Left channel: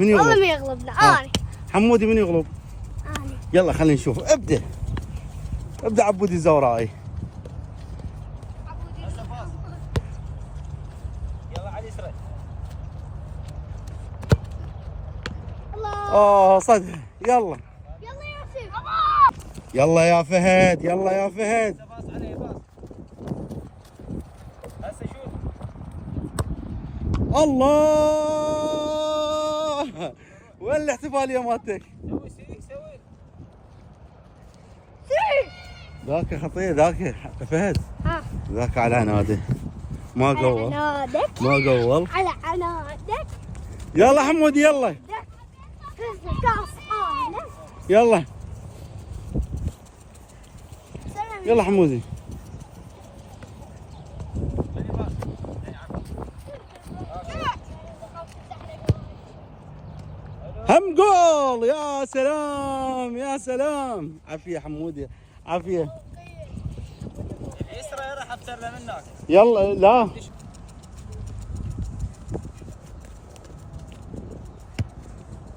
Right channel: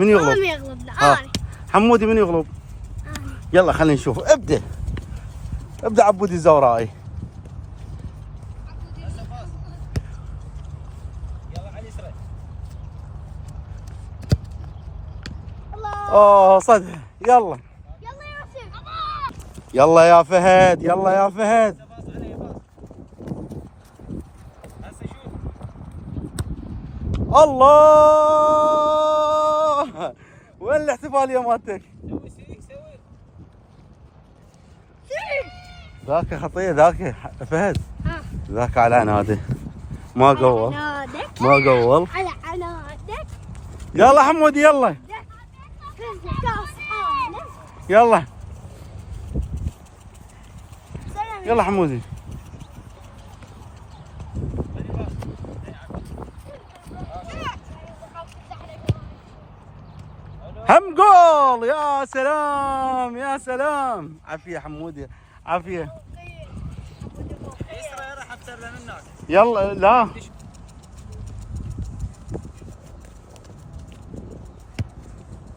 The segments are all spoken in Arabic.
من يغلب؟ والله ما يغلبنا اني. حمودي من يغلب؟ اني. يلا خلينا نشوف. ابدا عبودي الزوراء. يلا على اليسرى. اوه صدق. يلا يلا يا يوسف. يلا يا فهد، يلا يا فهد. باص عليه باص. هسه شوف. الله، وين الاحتفاليه مالتك؟ سوي سوي. ذاك خطيه ذاك فهد. ها. ذاك على عناده ما قول. عنادك. ما قول. على عنادك. يلا حمودي يلا. كاس انا. يلا يلا حمودي. خلي باص. هم جول. يا سلام يا سلام. عافيه حمودي عافيه. اليسرى راح ابتر له منك. يلا لا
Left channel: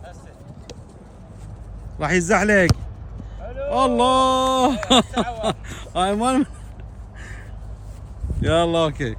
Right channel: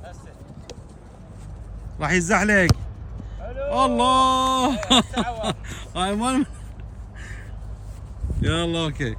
هسه. راح يزحلق. حلو. الله. تعال. هاي مال. يلا اوكي.